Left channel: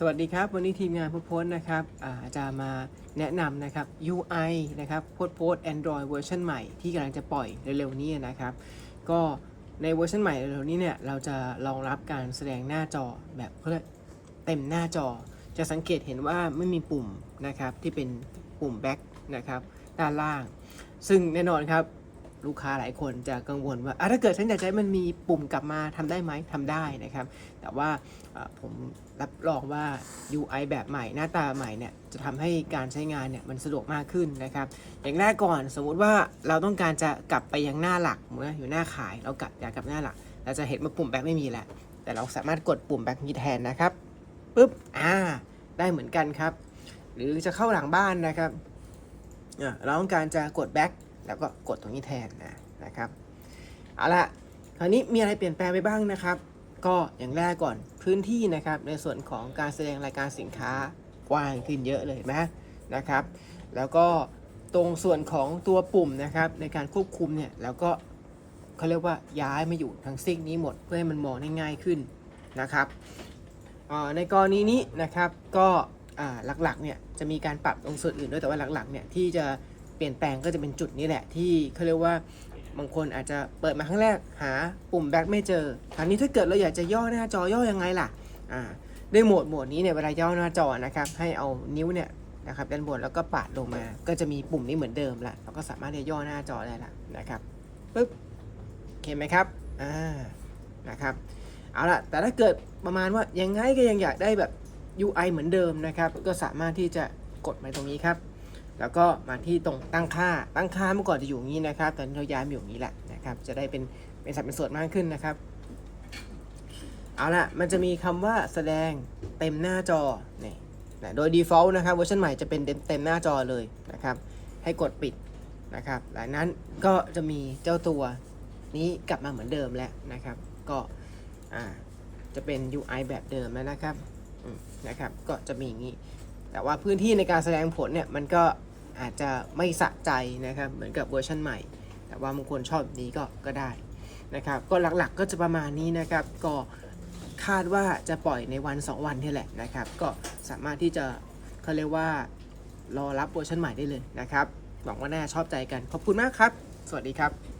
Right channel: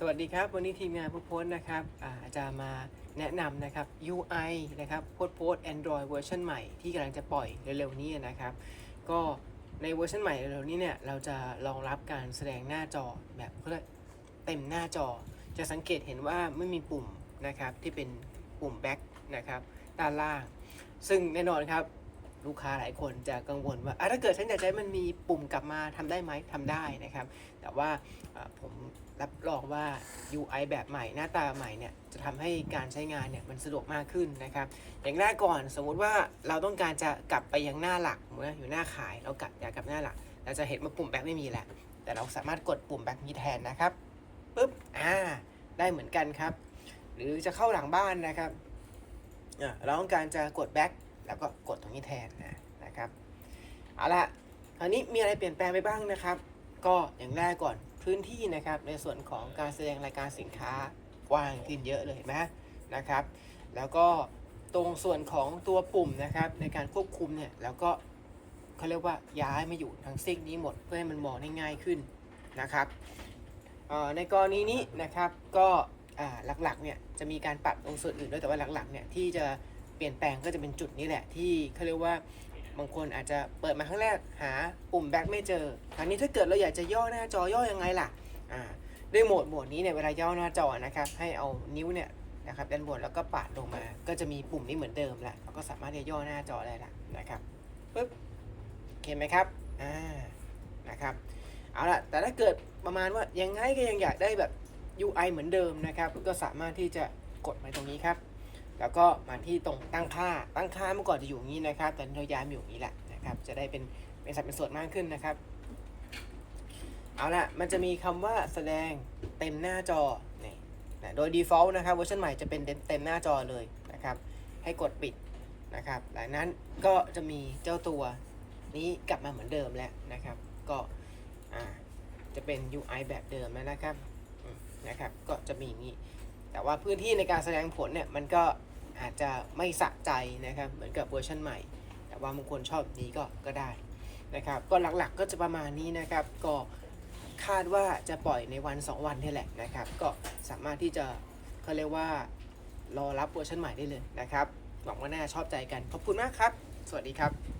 สวัสดีครับ วันนี้ทีมงานผู้โพสต์นะครับจะมาแนะนำนะครับ UI นะครับโพสต์โพสต์ Android เวอร์ชันใหม่ที่กำลังจะปล่อยเร็วๆนี้นะครับ ก็ในเวอร์ชันใหม่เร็วๆนี้เนี่ยเราจะรองรับการแสดงหน้าจอแบบเขาเรียกเต็มหน้าจอ จะสังเกตเห็นว่าไม่มีปุ่มนะครับที่เป็นปุ่ม back นะครับด้านล่าง ซึ่งแน่นอนครับ ลูกค้าหลายคนจะกังวลว่าอะถ้าเกิดฉันอยากจะให้มันมีปุ่มกลับมาทำได้ไหมทำได้นะครับ แต่ว่าผมรับรองว่า UI แบบใหม่หน้าตาใหม่เนี่ยจะทำให้การใช้งานเนี่ยมันสะดวกมากขึ้นนะครับ อย่างแรกก่อนสมมุติว่าเราต้องการจะกลับไปยังหน้าหลักเมืออยู่หน้าขายเรากลับอยากกลับหน้าหลักเราจะเห็นว่าปุ่มแบ็คไม่มีแล้วแต่เราสามารถกดปุ่มแบ็คนี้แทนนะครับปุ๊บอ่าได้เหมือนกันครับ หรือจะเข้าหลังบ้านนะครับอะเราต้องการจะกดแบ็ค แล้วก็กดตรงนี้แทนนะนะครับเอาละคราวนี้มีอะไรเปลี่ยนแปลงไปบ้างนะครับ ก็อย่างแรกก่อนพื้นที่นะครับในส่วนของการแสดงรายการสินค้ากว้างขึ้นเยอะเลยนไหมนะครับ แล้วก็ตรงส่วนของตัวปุ่มนะครับในการควบคุมเนี่ยเราก็เขาเรียกว่าย้ายมาอยู่ทั้งซิกนี้หมดเพื่อให้มันมองได้ง่ายขึ้นนะครับในกรณีนี้นะครับก็หลักๆเนี่ยจะมีการปรับตรงส่วนอื่นด้วยแต่ว่าหลักๆเนี่ยที่จะ เปลี่ยนแปลงก็จะเป็นจุดนี้แหละที่เขาเรียกว่าบางคนอาจจะเปิดมาครั้งแรกหาปุ่มแบ็คไม่เจอคราวนี้ถ้าเกิดเราอยากจะย่อหน้าจอย่อยังไงล่ะอ่าด้วยโหมดโหมดนี้เนี่ยเวลาย่อหน้าจอนะครับให้เอานิ้วเนี่ยนะครับด้านบนแล้วก็ปาดลงมา ก็จะมีปุ่มนี้เหมือนเดิมละเราก็สามารถที่จะย่อหน้าจอได้ละนะครับปึ๊บโอเคไหมครับอ่านะครับเอาละแต่ถ้าเกิดประมาณว่ายังไงก็ยังอยากได้แบบ UI เหมือนเดิมนะครับ ก็สามารถที่จะกดไปตรงนี้ครับ แล้วก็มาที่ตรงตั้งค่า ตั้งค่าเมื่อก่อนจะอยู่อย่างนี้นะครับ ตอนนี้เราย้ายมาอยู่อย่างนี้แหละนะครับ จะได้เป็นเป็นสัดเป็นส่วนมากขึ้นนะครับ เอาละมันจะมีคำว่าแสดงเต็มหน้าจอนี่นะโดย default นะครับเวอร์ชันใหม่จะเป็นเต็มเต็มหน้าจอเลยนะครับ ให้กดปิดนะครับ หลังนั้นก็จะมีเจ้าตัวนี้กลับมาเหมือนเดิมแล้วนะครับ ก็จะเป็น UI แบบเดิมแล้วนะครับนะครับ ก็จะมีอย่างนี้ แต่ว่าพื้นที่ในการแสดงผลเนี่ยมันก็อาจจะไม่สะใจนะครับเหมือนกับเวอร์ชันใหม่ แต่ว่าบางคนชอบแบบนี้ก็ก็ได้นะครับก็หลักๆก็จะประมาณนี้นะครับก็คาดว่าจะปล่อยในวัน 2 วันนี่แหละนะครับ ก็สามารถที่จะเขาเรียกว่ารอรับเวอร์ชันใหม่ได้เลยนะครับหวังว่าน่าชอบใจกันขอบคุณมากครับ สวัสดีครับ